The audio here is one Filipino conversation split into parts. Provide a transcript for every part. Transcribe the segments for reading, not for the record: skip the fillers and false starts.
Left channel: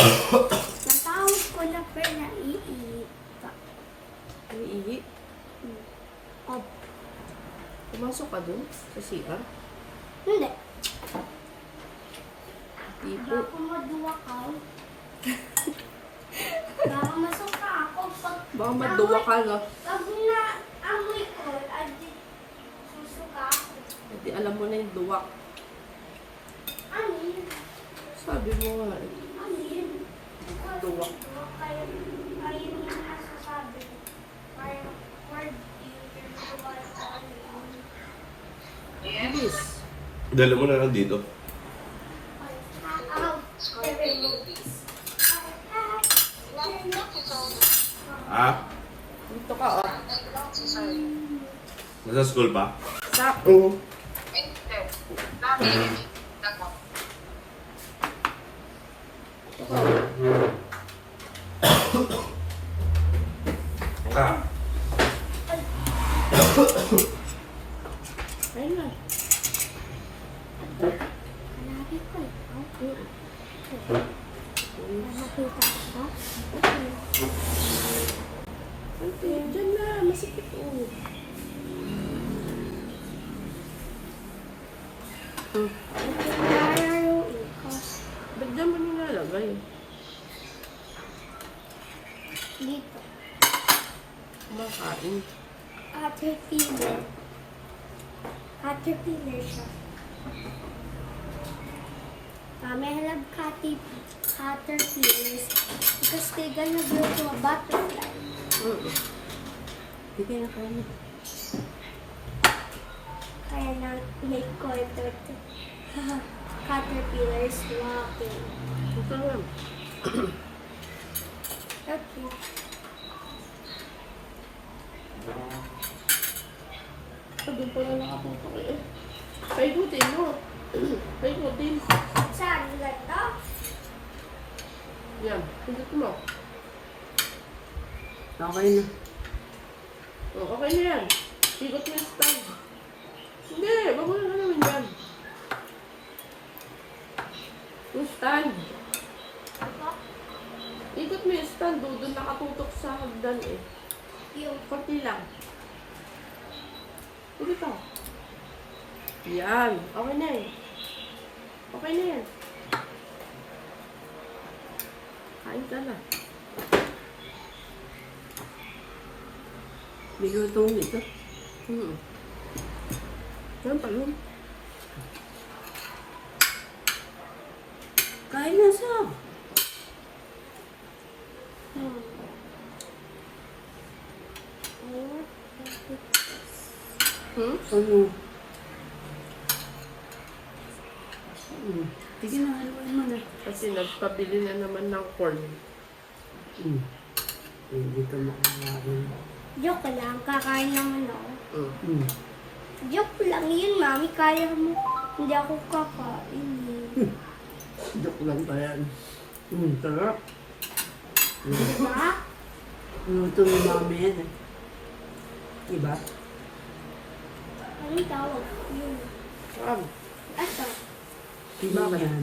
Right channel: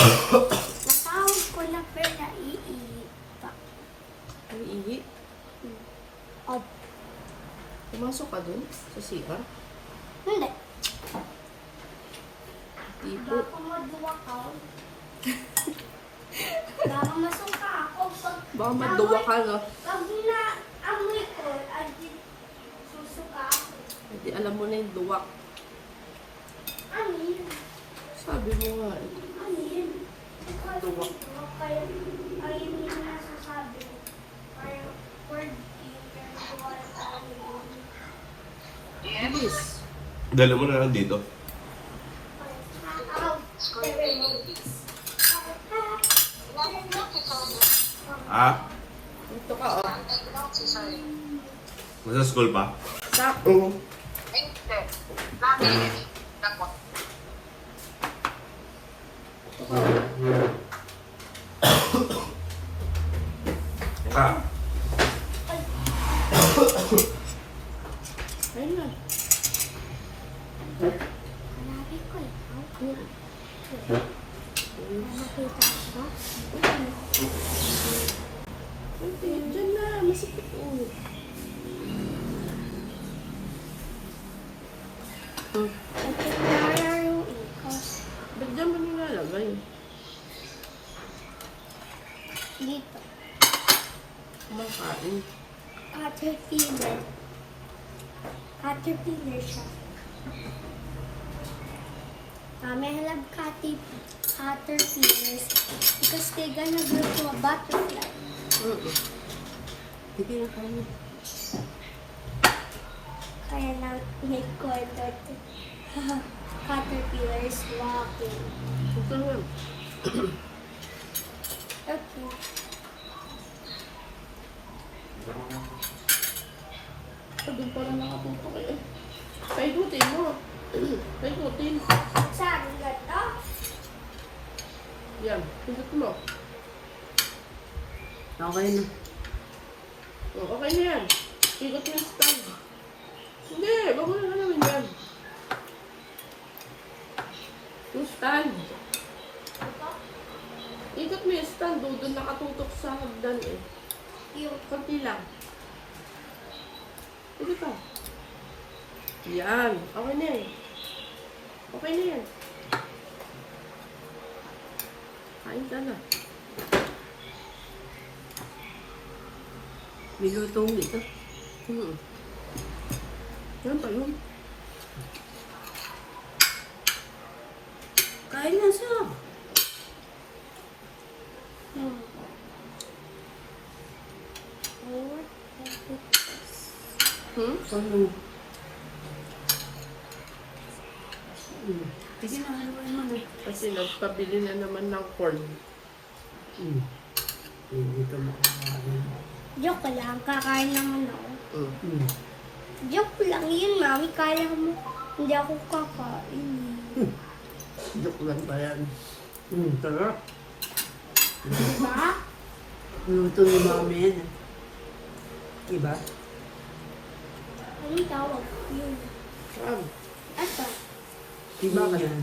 Matawag ko na pero naiihi pa. Naiihi? Up. Pumasok ka dun sa CR? Hindi. Tipo. Baka maduwa ka. Baka masungka ako. Baka maduwa ka na. Pag na-amoy ko, adi susuka ako. Hindi alam mo na yung duwak. Ano yun? Sabi mo nga eh. Ano yun? Duwak. Ayun yung nasasabi. Parang word Bilis. Dala mo na lang dito. Ah? Dito ka oh. Nasa school pa? Sakto. Ah. Ayun na. Hanapin ko lang. Nakita ko. Ante, dyan na. Masikip oh. Nalaro ko. Ba't dyan mo nilalagay? Dito. Kumakain. Caterpillar. Caterpillar siya. May halab caterpillars because they gonna grow to a butterfly. Hindi yung kain. Kaya na may quarter to caterpillars walking. Ito lang. Okay. Doon pa na nakatutok eh. Paikutin mo. Paikutin. Saan ito? Yan. Pindot mo. Okay na. Oh, okay na yan. Ikot mo yung stand. Hindi. Bago na naman yan. Yung stand. Ikot mo yung stand. Doon nakatutok sa hagdan eh. Yung Konti lang. Sige pa. Yan. Okay na yan. Okay na yan. Kain ka na. Nilutong dito. Yan pa yun. Kain na siya. Ano? Sige na, haluan mo na. Kasi nagpabili na naman ng corn. Hindi ko makakain. joke lang, kakain naman ako. Joke lang yun, mami. Kaya mo. Hindi ako kakain. Joke lang ba yan? Sarap. Diba? Ito yung mami yan eh. Diba? Ano tawag? Yun. Saan? Ito. Diba Bakit? yan?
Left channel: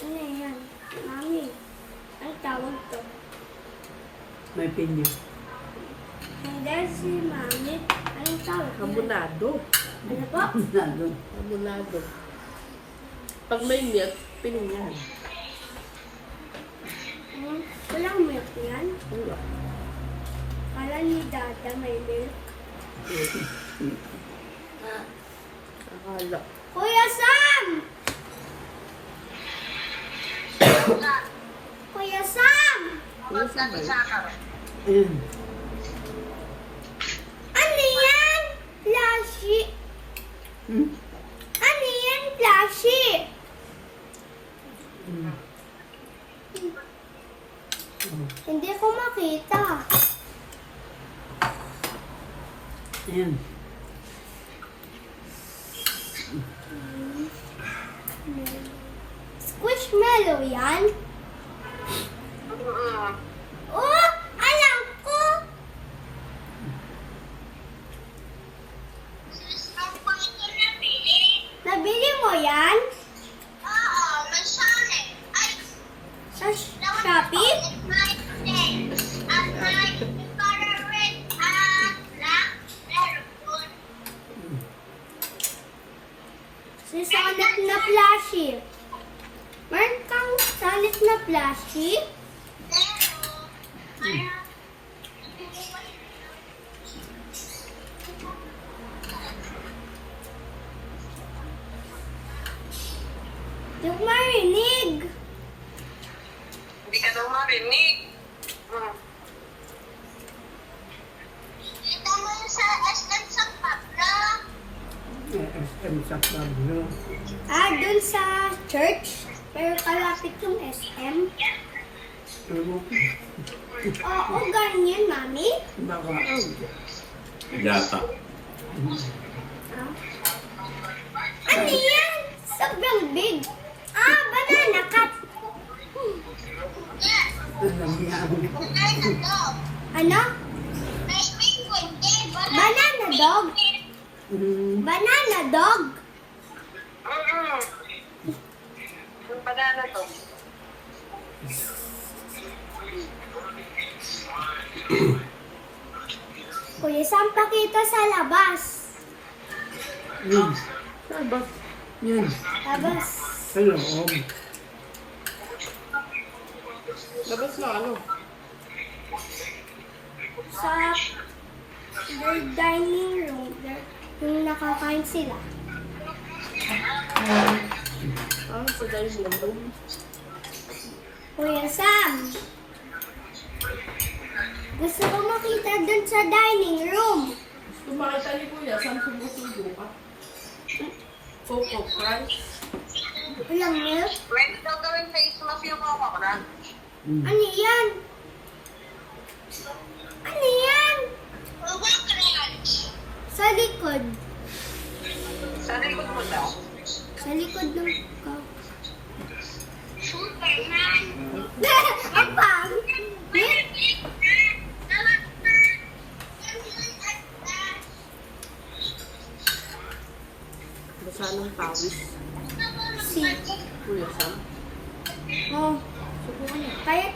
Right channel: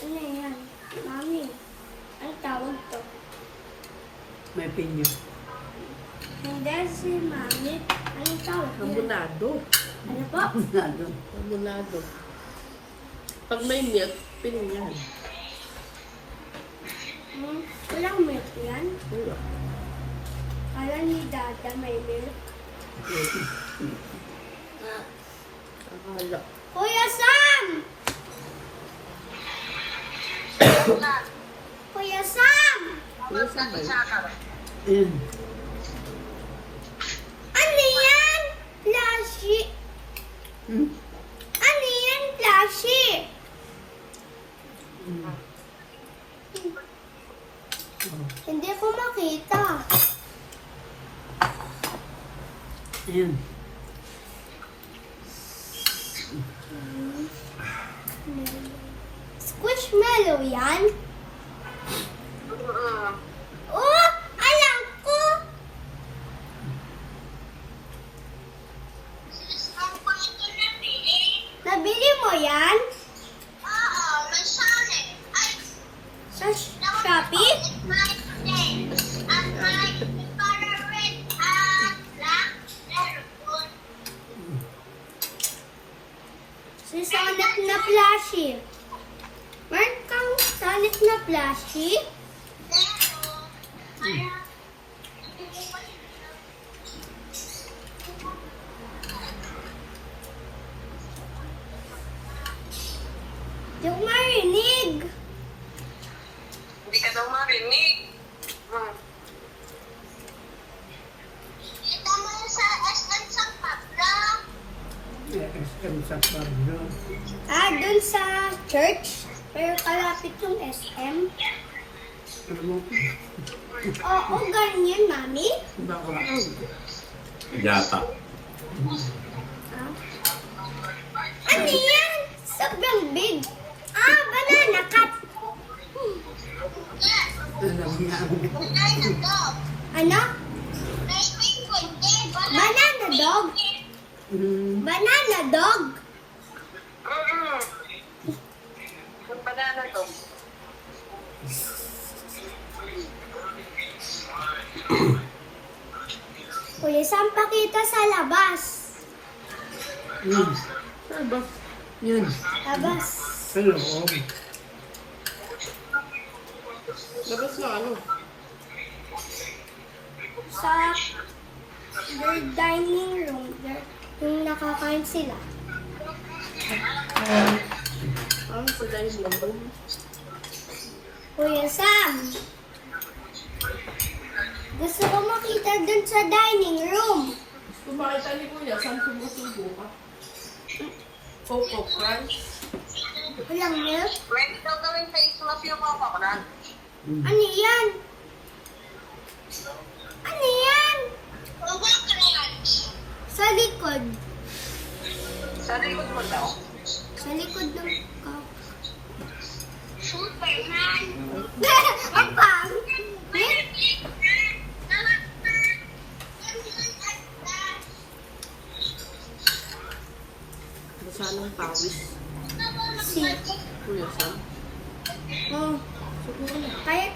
Ano yan? Mami. Ano tawag to? May pinyo. Hindi si mami. Ano tawag? Hamonado. Ano po? Lalo. Hamonado. Pag may milk, piningan. Walang milk yan. Wala. Kala ni Dada may milk. Akala. Kuya Sam! Kuya Sam! Ano sa ba? Ayun. Ano yan? Flashy. Ano yan? Flashy. Hindi ko makita. Ayun. Squishmallow yan? Oh! Alam ko! Nabili mo yan? Oo, may sale. Ay! Sa Shopee? Sanip na plushie. Meron kang sanip na plushie? Di ko marinig. Hindi ka daw marinig. Kita mo yun sa SM sa Pablo. SM sa Pablo. Dun sa church. Pero kalapit yung SM. Oo, ganyan, mami. Baka Yata. Ano yan? Sobrang big. Banana cup. Ano? Banana dog? Banana dog? Yung banana to. Kuya, saan pa kita sa labas? Labas. Yan. Labas. Hello. Labas na ano? Sa their dining room. Yung nakakain sila. Sa dining room. Kuya Sam. Gusto ko makita dun sa dining room. Kung makita niyo kuya, saan sumusubo ka? Coco Crunch. Alam mo? Pwede daw gawin face mask yung mga kakulan. Ano yan? Ano yan? Sa likod. Sa likod mo daw. Sa likod ng Superman. Apang! Basa ng pawis. Kuya Sam. Oh, kaya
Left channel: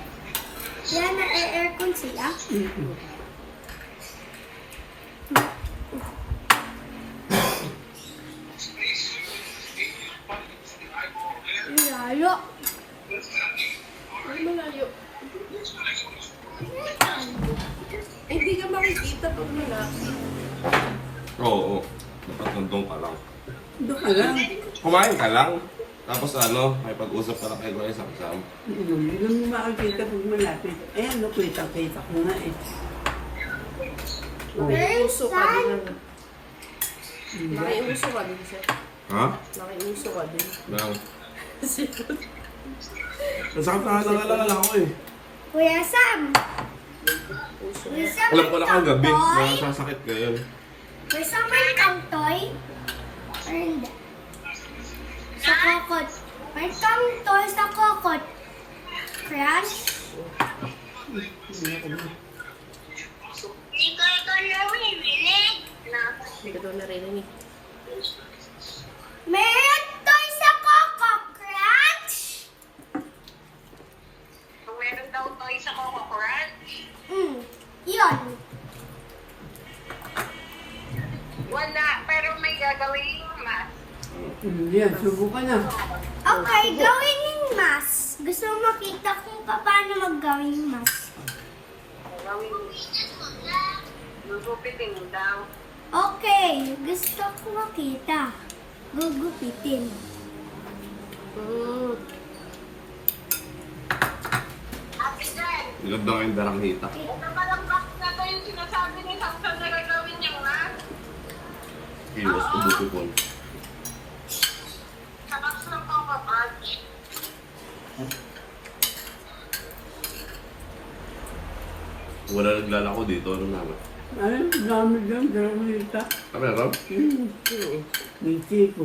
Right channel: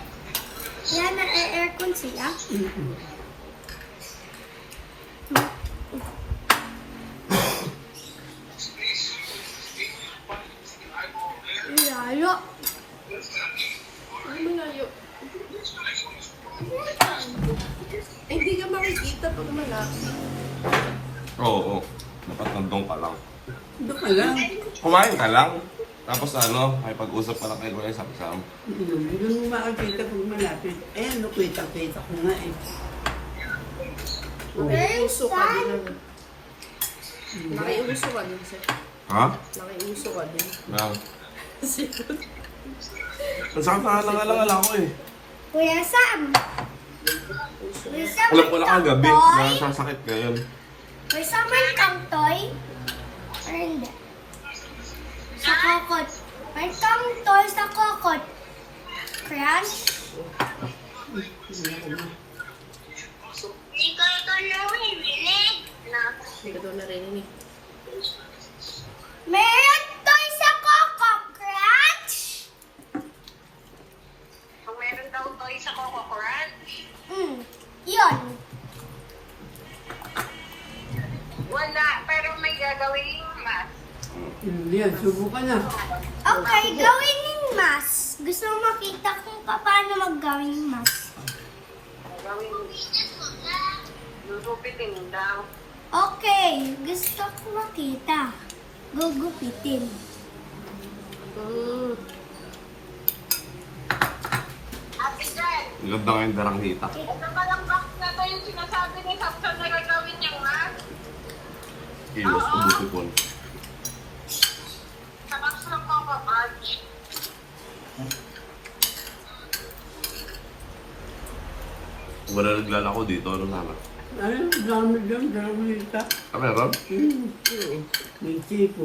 yan na aircon sila. Lalo. Ano malayo? Hindi ka makikita pag malapit. Oo. Dapat nandun ka lang. Doon ka lang. Kumain ka lang. Tapos ano, may pag-usap ka na kayo Kuya Sam. Hindi mo makakita pag malapit. Ayan, no, kita ko nga eh. Nakiuso ka din. Nakiuso ka din, sir. Ha? Nakiuso ka din. Yan. Sipot. Masakit na nalala ko eh. Kuya Sam. Uso. Gusto mo Wala ka itong gabi. toy? Meron siyang sakit ngayon. Gusto mo itong toy? Or hindi? Sa kokot. May itong toy sa kokot. Crush? Hindi ko ito narinig. Hindi ka daw narinig. Meron toy sa Coco Crunch? Kung meron daw toy sa Coco Crunch, Yun. wala. Pero may gagawin mas. Yan, subukan na. Okay, gawin yung mas. Gusto mo makita kung paano maggawin yung mas. Gawin. Gugupitin daw. Okay, gusto ko makita. Gugupitin. Ate Jen, Ilod na ngayon darang dita. ito palang box na to yung sinasabi ni Samson na gagawin niyang mas. Kilos ko buti ko. Sa box ng Coco Crunch. Wala naglalako dito. Ano nga? Ay, dami dyan, dami dito. Meron? May tipo.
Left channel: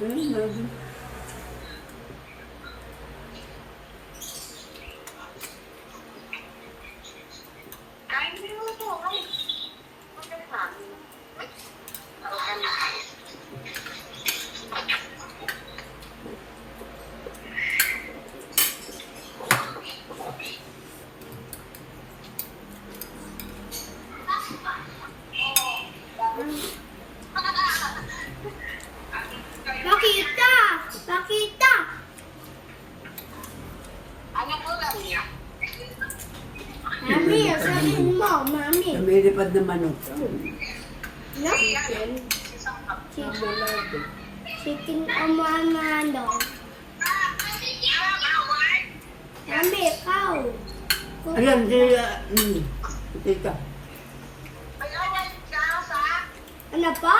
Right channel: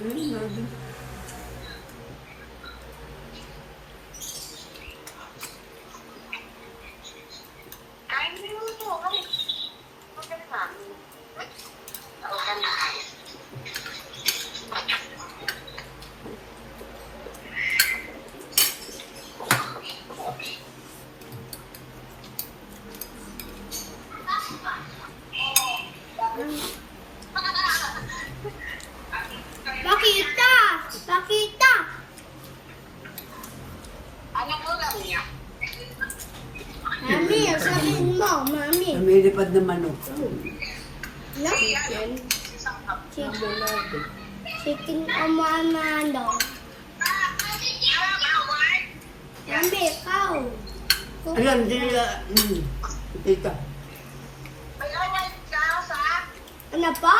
Ay, lagi. Kain mo yung ito. Ay, okay na. Tao ka na. Sabihin mo, mami. Lumilipad na manok. No? Chicken. Hamonado. Chicken Hamonado. Mami, ikaw. Ayan, tita. May award ka sa? Ano pa?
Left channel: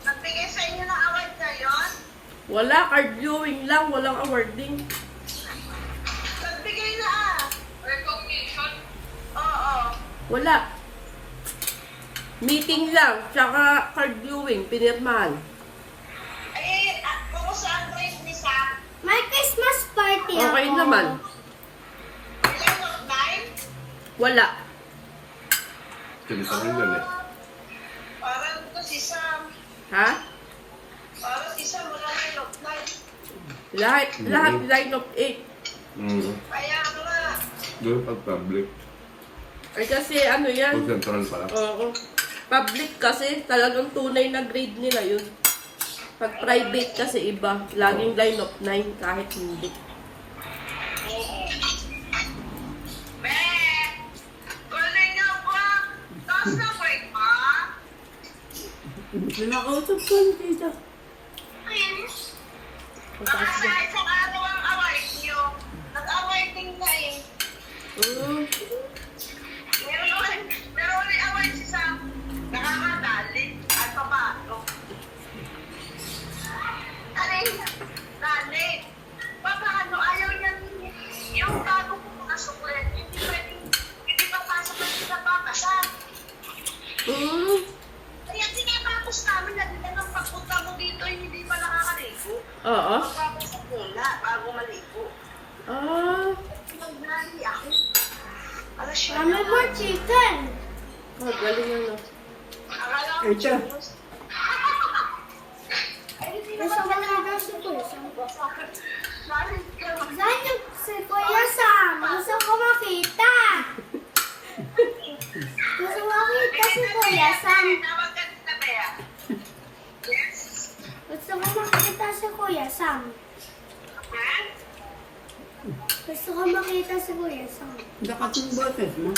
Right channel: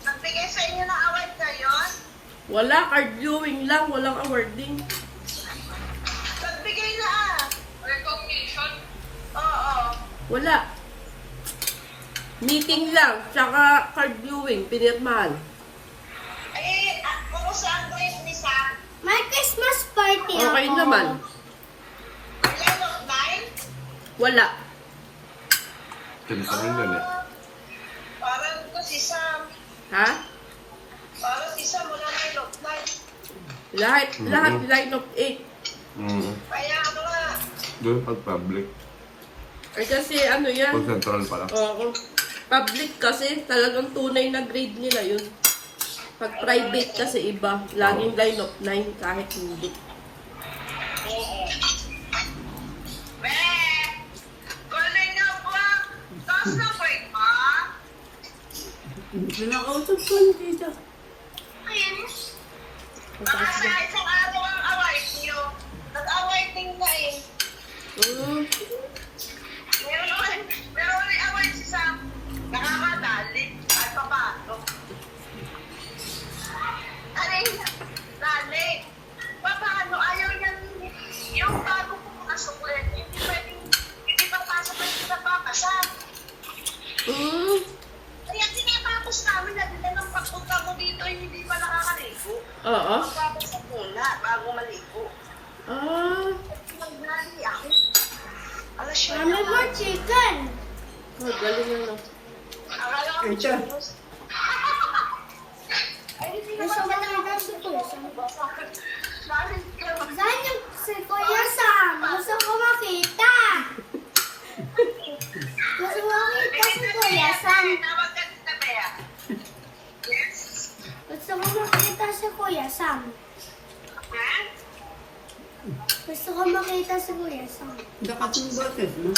Nagbigay sa inyo ng award ngayon? Wala, card viewing lang. Walang awarding. Nagbigay na ah. Recognition? Oo. Wala. Meeting lang. Tsaka card viewing. Pinirmahan. Eh, kumusta ang dress ni Sam? May Christmas party ako. Okay naman. Ilan of 9? Wala. Kinisanin yun eh. Parang ito si Sam. Ha? Parang si Sam wala 9 of 9. Lahat line of 8. Kaya ano nga. Doon pag public. Ay kasi ano yan. Pag central pala. Oo. Public kasi talagang tunay na grade nila yun. Pag private kasi iba. Laging line of 9 kahit hindi. Be! Galing nga ba? Taas na break ma? Pinakausap ko yung tita. Ayun. Ang Baka taas sa na. isang araw ang award niyo. Nag-award din na eh. Meron ulit award si Sam. Nakakadali. At papato. Alin? Dali. Paano? Ayaw niya yung bago ko mga suklet. Hindi pwedeng, hindi papasok na hindi napapasa. Kaya tinatapos namin na ng pagpunta mo dito hindi pa nakakaligo. Oo. Magpapasok muna bago maligo. Nag-nali ako. Alas yun. Mami mo chicken. Galing ano. Akala ko. Echo. Ay, hindi Gusto naman mo na daw si Kuya Sam. Dahil ka. Dahil si Kuya Sam. Gusto ko makita. Gusto ko makita si Kuya Sam. Tawag ka dito, Bea. Yes? Gusto ko makita si Kuya Sam. Ha? Gusto ko makita si Kuya Sam. Hindi ka kung bakit, no?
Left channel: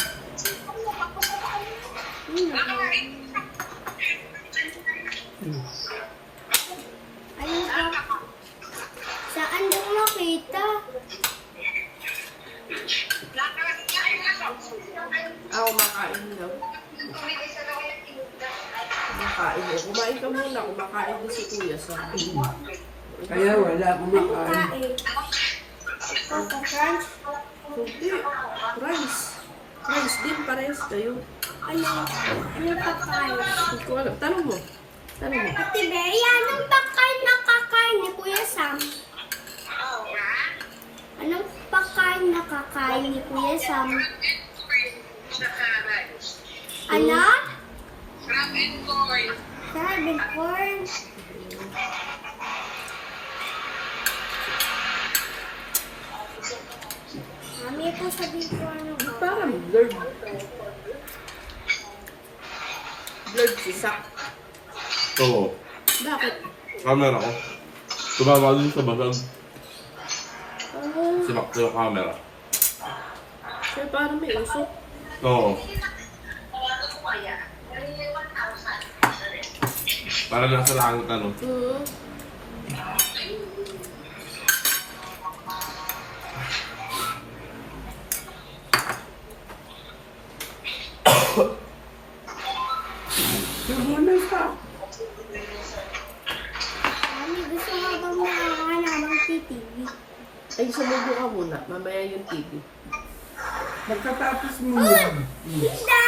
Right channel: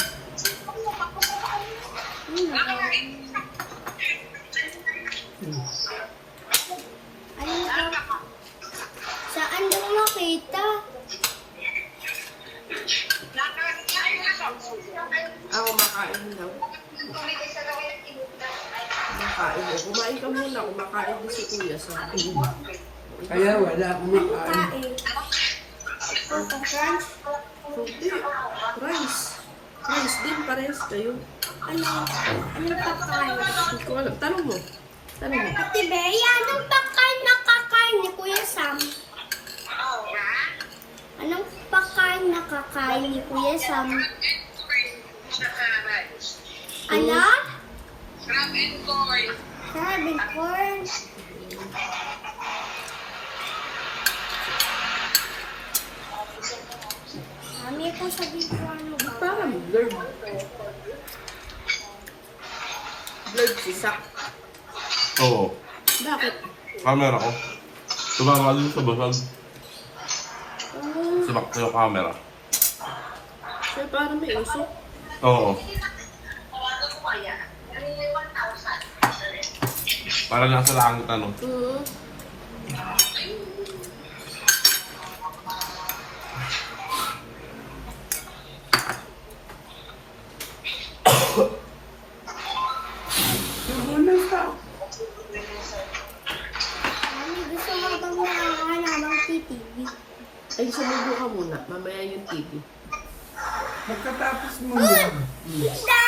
Ano ba? Saan daw makita? Ako makain daw. Kumakain mo. Kumain ka muna. Kumakain din si Kuya sa Kaya wala akong makain. Kain. Papa Crunch? Hindi. Rice. Rice din. Parehas kayo. Ano? Ano pagkain? Hindi ko alam. Tanong mo. Tanong mo. Ate Berry, anong pagkain na kakain ni Kuya Sam? Anong pagkain na kakain ni Kuya Sam? Ano? Ramen corn. Sabi corn. Mami ko sabi ko ano ba? Parang blurred. Blurred si Sak. Oo. Bakit? Camera ko. Tumama din sa basag. Ah, Simak sa camera. siya parang may usok. Oo. Para nasa langit ano. Nagunan ka. Mami, gusto mo bang nakahanap ng TV? Ay, sumubo ka muna. Mamaya yung TV. Pagkatapos mo yan. Hindi!